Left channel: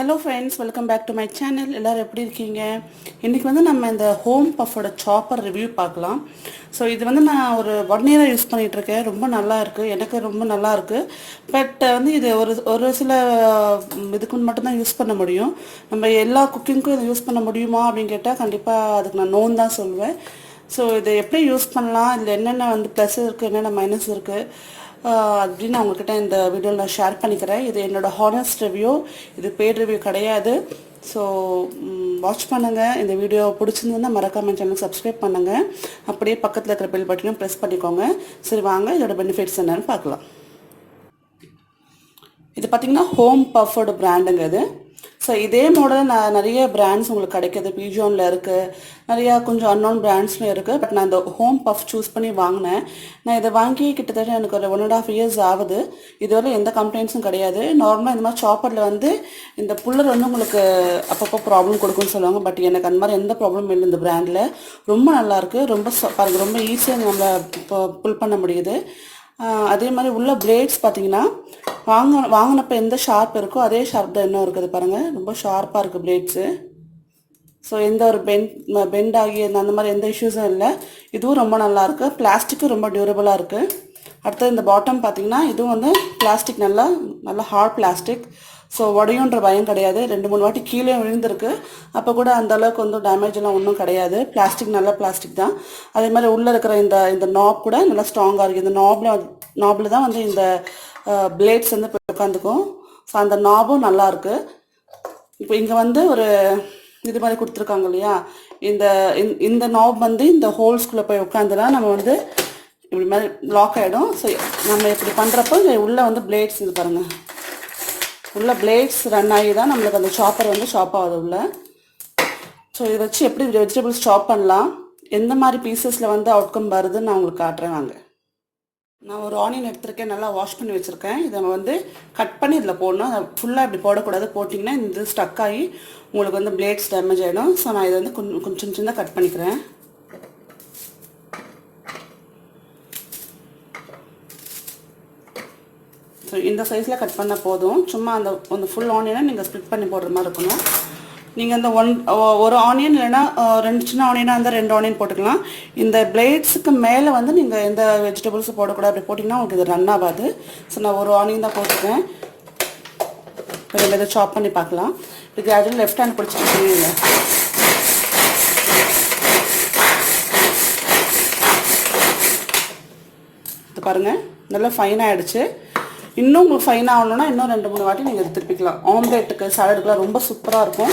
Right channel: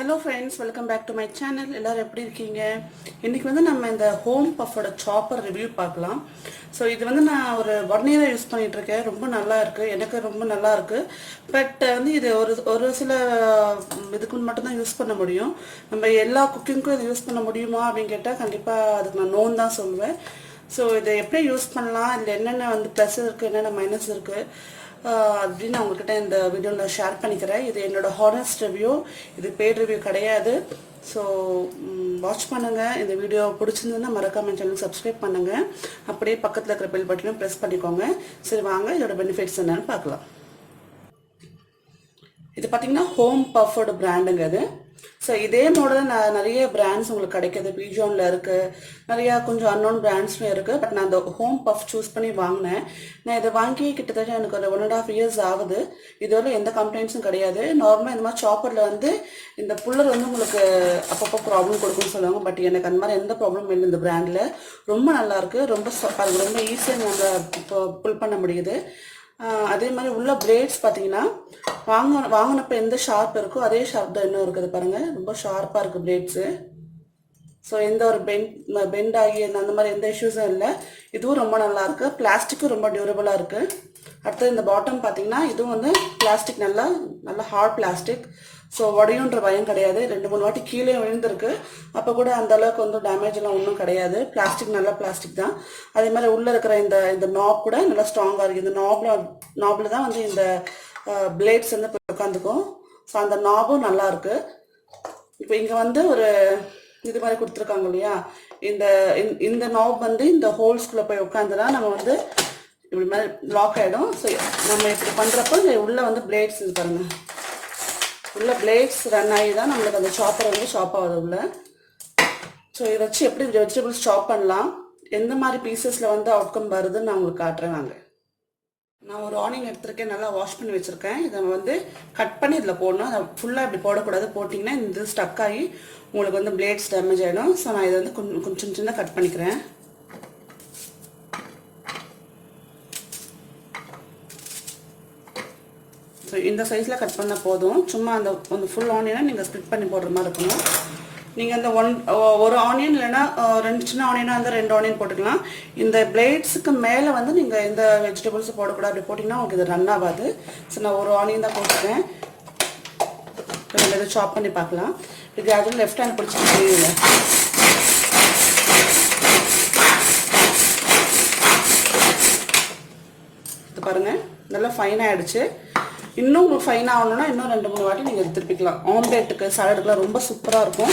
Hello friends welcome back to my channel எல்லோரும் எப்படி இருக்கீங்க? இன்றைக்கி வந்து நம்ம இந்த ஹோம் பஃபோட சாப்பர் ரிவ்யூ பார்க்கலாம். ஸோ இது வந்து நான் ஒரு ஒன் இயராக யூஸ் பண்ணிகிட்ருக்கேன் ரொம்ப நல்லா இருக்குது எனக்கு ரொம்ப நல்லா இருக்குது பட் வந்து இது ஒரு ஒரு சில இதுக்கு மட்டும்தான் யூஸ் பண்ண முடியும். நம்ம எல்லா குக்கிங்க்கும் இதை யூஸ் பண்ண முடியுமா அப்படின்னு கேட்டால் கண்டிப்பாக அதுக்கு நான் நோன் தான் சொல்லுவேன். ஸோ இதை எப்படி யூஸ் பண்ணலாம்? இதில் என்னென்ன வந்து ப்ளஸ் இருக்குது என்னென்ன மைனஸ் இருக்குது அப்படின்னு நான் உங்ககிட்ட இந்த வீடியோவில் நான் ஷேர் பண்ணிக்கிறேன். இது என்னோட ஹானஸ்ட் ரிவ்யூ இது பேட் ரிவ்யூ கிடையாது. ஸோ வாட்ச் பண்ணுங்கள் இந்த வீடியோ பிடிச்சிருந்ததுன்னா மறக்காம சேனல் சப்ஸ்கிரைப் பண்ணுங்கள் அப்படியே பக்கத்தில் இருக்கிற பெல் பட்டனும் ப்ரெஸ் பண்ணிக்கோங்க. சரி வாங்க. இதோட பெனிஃபிட்ஸ் என்னன்னு பார்க்கலாம். இது பார்த்தீங்கன்னா ஹோம் பஃபோட பிராண்டுங்க இது. ஸோ இதே மாடல் நான் நிறைய பிராண்ட்ஸ் உங்களுக்கு கிடைக்கிது. பிஜோனில் இருக்குது நிறையா கொஞ்சம் அன்னோன் பிராண்ட்ஸ்லையும் இருக்குது பட் நான் இந்த ஹோம் பஃப் சூஸ் பண்ணி வாங்கினேன். நான் இதை வாங்கி கிட்டத்தட்ட எனக்கு ஒரு ஒன் அண்ட் ஆஃப் இயர்ஸ் ஆகுது. இதுவரை எந்த கம்ப்ளைண்ட்ஸும் கிடையாது. நார்மலாக இந்த மாதிரி சாப்பரில் வந்து இந்த புல்லர் வந்து உங்களுக்கு அப்பப்போ ப்ராப்ளம் கொடுக்கும்னு சொல்லுவாங்க. பட் எனக்கு அந்த மாதிரி எந்த ப்ராப்ளமும் இல்லை இந்த பிராண்டில் ரொம்ப நல்லாயிருக்கு ரொம்ப ச- ரொம்ப ஈஸியாக நம்ம இப்போ புல் பண்ண முடியுது. அதே மாதிரி உள்ள பிளேட்ஸ் பார்த்தீங்கன்னா வாங்க வாங்கினப்ப எந்த ஷார்ப் இருக்கோ அதே ஷார்ப் தான் இன்னும் இருக்குது பாருங்கள் ரொம்ப ஷார்ப்பாக இருக்குது பிளேட்ஸு ஸோ எந்த ஒரு பெண்ட் பெண்ட் ஆகி அந்த அந்த மாதிரி எந்த இஷ்யூஸும் இல்லை. இதுவும் ரொம்ப நல்லாயிருக்கு பிளாஸ்டிக்கும் ரொம்ப டியூரபிளாக இருக்குது அடுத்தது இந்த பாட்டம் பார்த்தீங்கன்னா இதுவும் வந்து பிளாஸ்டிக் நல்லா நல்லா ஹார்ட் பிளாஸ்டிக் ஸோ உடையுன்ற பயம் கிடையாது. ரெண்டு மூணு வாட்டி கீழே விழுந்திருக்கு. அப்போ கூட அந்த அளவுக்கு வந்து டேமேஜ் எல்லாம் ஒன்றும் கிடையாது. பிளாஸ்டிக் நல்ல பிளாஸ்டிக் தான். அதே மாதிரி உள்ளே இருக்கிற இந்த இந்த நாப் கூட நல்லா ஸ்ட்ராங்காக இருக்குது இந்த நாப்ல நாபில் தான் வந்து இந்த பிளேட்ஸ் வந்து உட்காந்துக்கும். ஸோ அந்த நாபும் நல்லாயிருக்கு இப்போ இங்கே வந்து ஒரு இது மாதிரி கொடுத்துருக்காங்க இல்லையா? இந்த இந்த- இந்த நாப் வந்து இந்த ஹோல்ஸ்குள்ளே போய் உட்காந்துனா நம்ம வந்து இப்படி மாதிரி லாக் ஆகிடும் ஸோ நம்ம இப்படி பண்ணுறப்போ இங்கே உள்ளே வந்து பிளேட்ஸ் இது பாருங்கள் உள்ள பிளேட்ஸ் ரன் ஆகி தான் நம்மளுக்கு அந்த சாப்பர் வந்து சாப் ஆகுது உள்ள ஸோ இதை வச்சு எப்படி வெஜிடபிள்ஸ் சாப் பண்ணலாம்? எந்த மாதிரி பீசஸில் வந்து அவுட்கம் வருதுன்னு நான் உங்களுக்கு காட்டுறேன் வாங்க. நான் ஒரு ஆனியன் எடுத்திருக்கேன் நல்லா வாஷ் பண்ணி வச்சுருக்கேன். இதை வந்து கட் பண்ணி இதில் போடணும். அதை ஃபுல்லாக இப்படி போடக்கூடாது. போட்டிங்கன்னா இந்த ஸ்டக் ஆகி உங்களுக்கு வந்து பிளேட்ஸ் டேமேஜ் ஆகிடும் ஸோ நான் இதை வந்து கொஞ்சம் கொஞ்சம் சின்ன சின்ன கட் பண்ணிக்கிறேன். ஸோ இந்த சைஸில் கட் பண்ணால் போதும். சும்மா அந்த அந்த ஃபுல் ஆனியனை நீங்கள் ஸ்ப்ளிட் பண்ணி போடுற மாதிரி இருக்கணும். நீங்கள் இந்த ஒன் ஒரு ஆனியன் இல்லைன்னா ரெண்டு சின்ன ஆனியனாக இருந்தால் ரெண்டு ஆனியன் போட்டுக்கலாம். இந்த பிளேட்ஸுக்கு மேலே வந்து நீங்கள் எந்த வெஜிடபிள்ஸும் போடக்கூடாது. அப்படி போட்டிங்கன்னா உங்களுக்கு இது ரன் ஆகாது. ஸோ நான் ஒரு ஆனியன் தான் போட்டிருக்கேன். இப்போ இதை சாப் பண்ணி பார்க்கலாம். இது கிராஜுவல் லெஃப்ட் ஹேண்ட் பிடிச்சிட்டு இது பாருங்கள் நல்லா ஃபைன் ஆகிடுச்சு இன்னும் உங்களுக்கு ஃபைன் ஆகணும்னா இன்னும் ரெண்டு மூணு வாட்டி நீங்கள் திருப்பிக்கலாம். ஆம்லேட்டுக்கு சாலடுக்குலாம் ரொம்ப சூப்பராக இருக்கும்.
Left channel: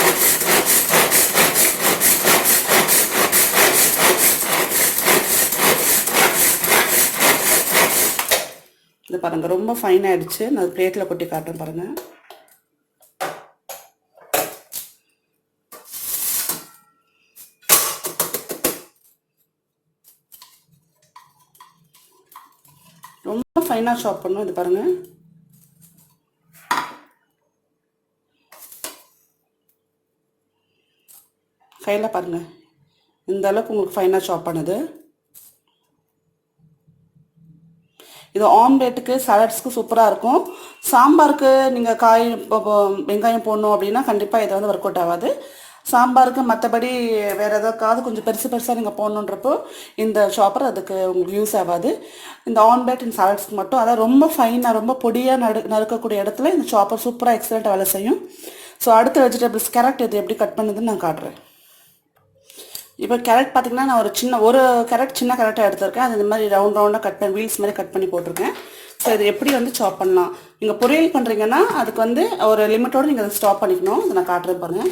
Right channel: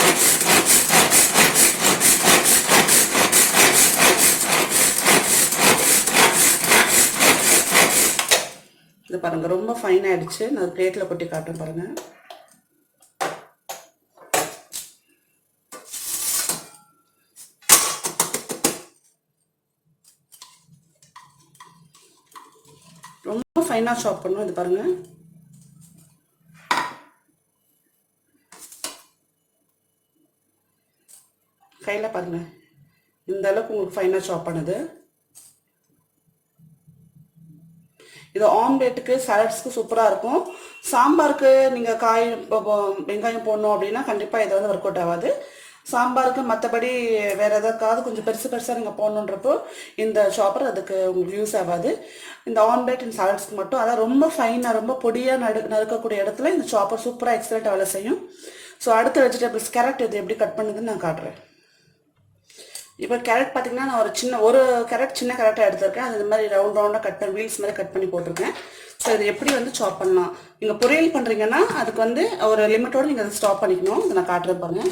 இது பாருங்கள் ரொம்ப ஃபைன் ஆகிடுச்சு நான் பிளேட்டில் கொட்டி காட்டுறேன் பாருங்கள் ரொம்ப ஃபைனாக ஷாப் பண்ணும். இது பாருங்க. கையில் பாருங்க. இந்த அளவுக்கு உங்களுக்கு ஃபைனாக ஷாப் பண்ணுது. இது ஆம்லேட்டுக்கு சாலட்ஸ்க்கு சூப்பராக இருக்கும். சாம்பாருக்கு நீங்கள் காய் வெங்காயம் போடணும் அப்படின்னா கண்டிப்பாக இது வந்து ஒர்க் அவுட் ஆகாது. சாம்பாருக்கு மற்றபடி வேறு எதாவது கொஞ்சம் பெருசு பெருசாக நீங்கள் போடணுன்றப்போ இந்த சாப்பர் அதுக்கு உங்களுக்கு யூஸ் ஆகாது. இந்த ஆம்லேட் அண்ட் சாலட்ஸ்க்கு மட்டும். அதான் ரொம்ப ஃபைனாக ரொம்ப பொடியாக நடு நறுக்கக்கூடிய இடத்துல இந்த சாப்பர் சூப்பராக எக்ஸலண்ட்டாக வேலை செய்யும். ஸோ அடுத்த வெஜிடபிள்ஸ் கேரட் இது எப்படி கட் பண்ணுதுன்னு நான் காட்டுறேன். இப்போ கேரட் பார்த்திங்கன்னா நான் ஒரு சின்ன ஒரு கேரட் சின்ன கேரட்டாக எடுத்திருக்கேன். அது இந்த மாதிரி ரவுண்ட் ரவுண்டாக கட் பண்ணி வீல்ஸ் மாதிரி கட் பண்ணி போட்டிருக்கேன். ஸோ இது எப்படி வந்து சாப் பண்ணலாம்? நீங்கள் பொரியல் பண்ணுறீங்கன்னா அதுக்கு வந்து ஒரு லிமிட்டோடு நீங்கள் அதை ஸ்டாப் பண்ணிக்கணும். இதை நான் காட்டுறேன் பாருங்கள்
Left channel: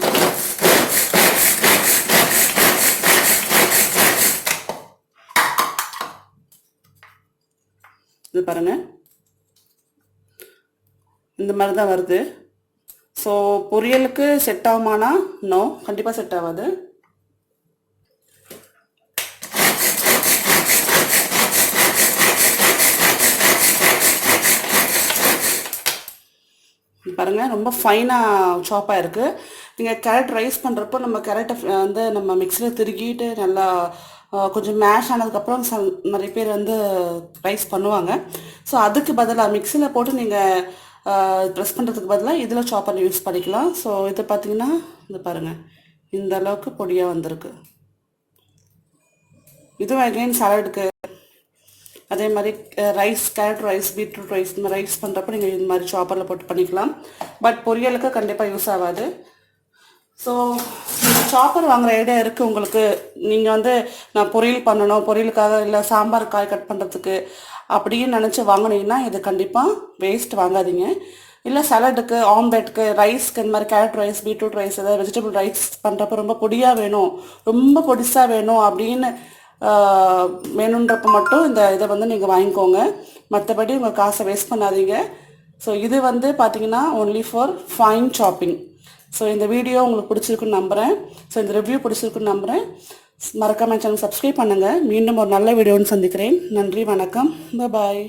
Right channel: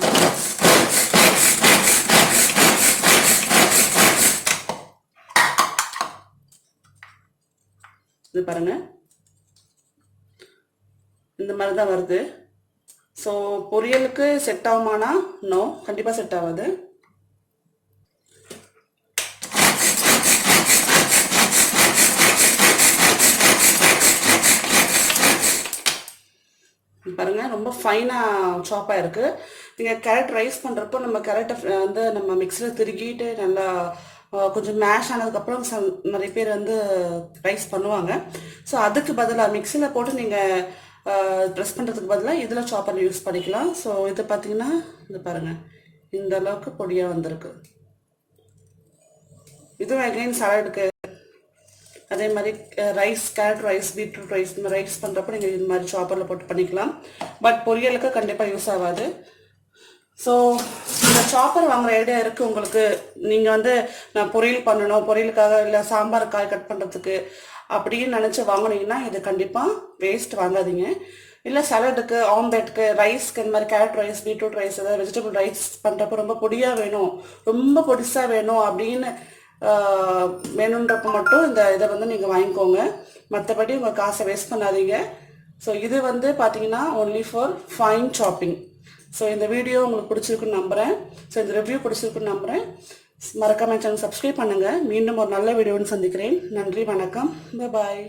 இது பாருங்கள் இந்த மாதிரி தான் வருது. ஸோ பொரியலுக்கு செட் ஆகுமானா? நோ கண்டிப்பாக செட் ஆகாது. பாருங்கள் ரொம்ப ஃபைனாக சாப்பாக இருக்குது நீங்கள் கேரட் ரைஸ் பண்ணுறப்போ நம்ம கேரட்டை வந்து நம்ம மிக்சியில் திருக்கிட்டு நல்லா கொஞ்சம் மேஷ் ஆனதுக்கப்புறம் சம் நிறைய பேர் வந்து ரைஸ் பண்ணுவாங்க. ஸோ அதுக்கு பதிலாக மிக்சியில் போட்டு நீங்கள் ப்ரெஸ் பண்ணுறதுக்கு பதிலாக இதில் சாப்பர் யூஸ் பண்ணிக்கலாம். ஸோ இது பார்த்தீங்கன்னா இது பாருங்கள் இந்த அளவுக்கு பொடியாக வந்திருக்கு. இதுவும் அகைன் சாலடுக்கு அதே மாதிரி rice carrot rice beetroot rice இந்த மாதிரி ரைஸ் பண்ணுறப்ப நீங்கள் இந்த மாதிரி சாப்பரில் போட்டு பண்ணிக்கலாம். பட் பொரியலுக்கு கண்டிப்பாக யூஸ் ஆகாது. ஸோ சாப்பர் வாங்குற ஐடியா இருக்குது உங்களுக்கு. நீங்கள் வந்து நான் பொரியல் பண்ணணும் பொரியலுக்காக இல்லை சாம்பார் காய் கட் பண்ணுறதுக்கு அப்படின்னு நினச்சி வாங்கினீங்கன்னா இது கண்டிப்பாக வேஸ்ட் வாங்காதீங்க. இல்லை சலடுக்கு ஆம்லெட்டுக்கு ரைஸ்க்கு இந்த மாதிரி கேரட் ரைஸ் பீட்ரூட் ரைஸ் ஏதாவது வெஜிடபிள் ரைஸ் பண்ணுறப்ப ரொம்ப பொடியாக வேணும். ரொம்ப பொடிசாக வேணும் அப்படின்னு வேணுன்றப்ப மட்டும் இந்த இதை வந்து நீங்கள் வாங்கிக்கோங்க. மற்றபடி உங்கள் காசை வேஸ்ட் பண்ணாதீங்க. ஸோ இது வந்து பார்த்தீங்கன்னா only for fine shopping so இந்த வீடியோ உங்களுக்கு பிடிச்சிருக்குன்னு நம்புகிறேன் ஸோ இந்த ரிவ்யூ பிடிச்சிருக்குன்னு நம்புகிறேன் மறக்காம சேனல் சப்ஸ்கிரைப் பண்ணுங்கள் மீண்டும் ஒரு நல்ல வீடியோன்னு சந்திக்கிறேன். நன்றி வணக்கம். பாய்